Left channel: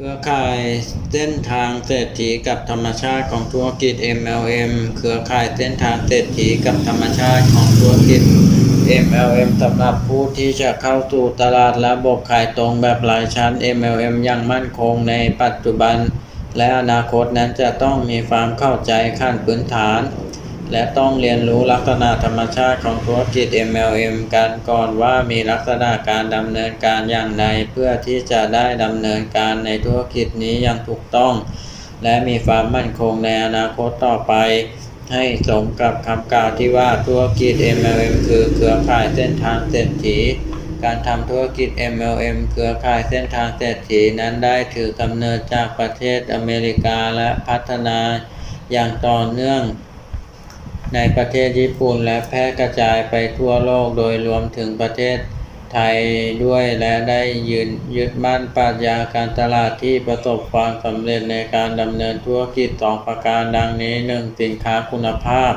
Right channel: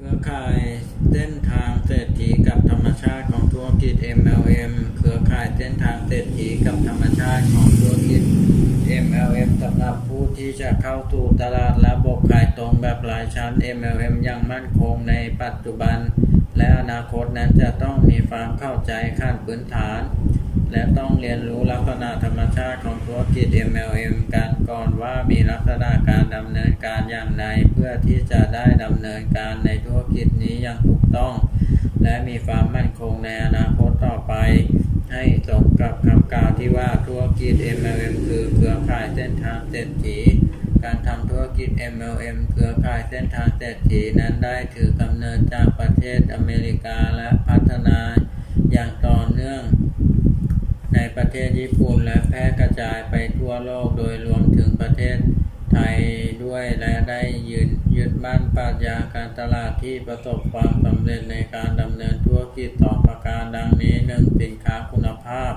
เครือข่ายเส้นทางเศรษฐีกับธรรมชาติของธุรกิจ MLM เครือข่ายเส้นทางเศรษฐีกับธรรมชาติของธุรกิจ MLM สำหรับผู้ที่จะเข้าสู่ตลาดระบบขายตรงแบบรายชั้น MLM อย่างมั่นคงในปัจจุบัน และอนาคตนั้นจะต้องมีความเข้าใจขั้นพื้นฐาน และต้องเรียนรู้ลักษณะธรรมชาติของธุรกิจ MLM กันก่อนว่ามีลักษณะการดำเนินการอย่างไร เพื่อที่จะได้ดำเนินการในธุรกิจนี้อย่างถูกต้อง และมีความมั่นคงในอนาคตต่อไป ให้สมกับคำกล่าวที่ว่าธุรกิจ MLM คือเครือข่ายเส้นทางเศรษฐีการทำธุรกิจ MLM เครือข่ายเส้นทางเศรษฐีนั้นได้ถือกำเนิดจากประเทศอเมริกาและพัฒนาอย่างต่อเนื่อง ในประเทศญี่ปุ่นและแพร่กระจายไปทั่วโลกโดยรวมถึงประเทศ ไทยด้วยและได้ยืนยึดมั่นปรัชญาการตลาดที่ประสบความสำเร็จในการดำเนินธุรกิจสองประการดังนี้ 1. สินค้าคุณภาพ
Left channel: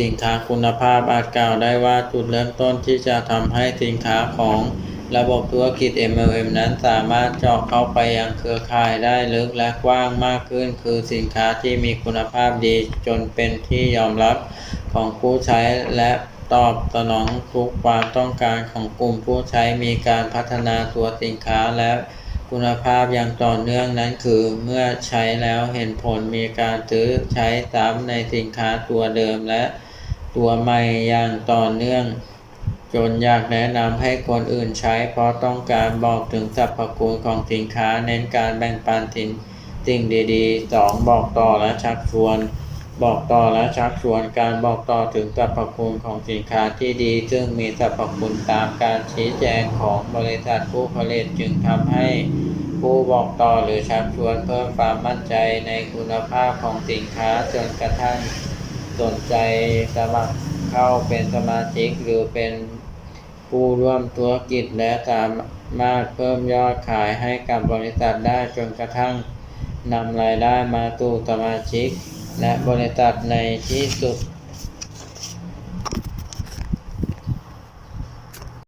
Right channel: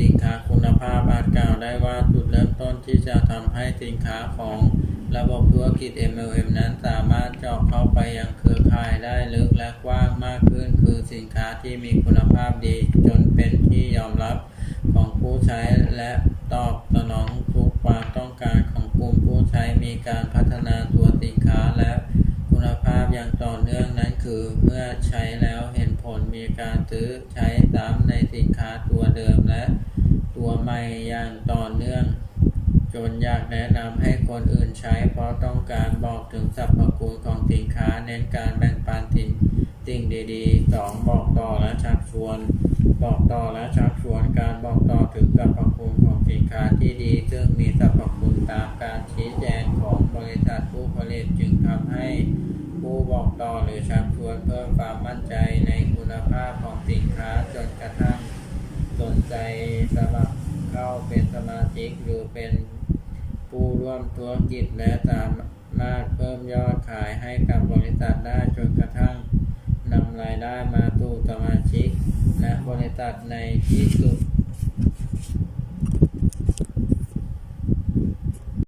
สินค้าคุณภาพอาจกล่าวได้ว่าจุดเริ่มต้นที่จะทำให้สินค้าของระบบธุรกิจ MLM นั้นสามารถเจาะเข้าไปยังเครือข่ายได้ลึกและกว้างมากขึ้น คือสินค้าที่มีคุณภาพดีจนเป็นที่ยอมรับของผู้ใช้และตอบสนองทุกความต้องการของ ลุ่มผู้ใช้มีการพัฒนาตัวสินค้าและคุณภาพอย่างต่อเนื่องนั้นคือเมื่อใช้แล้วเห็นผลมีการซื้อใช้ซ้ำในสินค้าตัวเดิมและตัวใหม่อย่างต่อเนื่อง จนอยากแนะนำให้คนอื่นใช้เพราะต้องการบอกถึงสรรพคุณของสินค้าเน้นการแบ่งปันสิน สิ่งดีๆ 2. บอกต่อและชักชวน บอกต่อและชักชวนการบอกต่อถึงสรรพคุณของสินค้าที่ดี ซึ่งมีสรรพคุณตามการชี้แจงของบริษัทผู้ผลิตจึงทำให้ผู้บอกต่อหรือชักชวนเพิ่มความมั่นใจในคุณภาพของสินค้าจนกระทั่งสนใจสมัครเข้าเป็นสมาชิกหรือเป็นผู้ร่วมธุรกิจและสามารถเพิ่มยอดขายให้กับบริษัทได้จนกระทั่ง นำรายได้มาตู่สมาชิก และบริษัทในที่สุด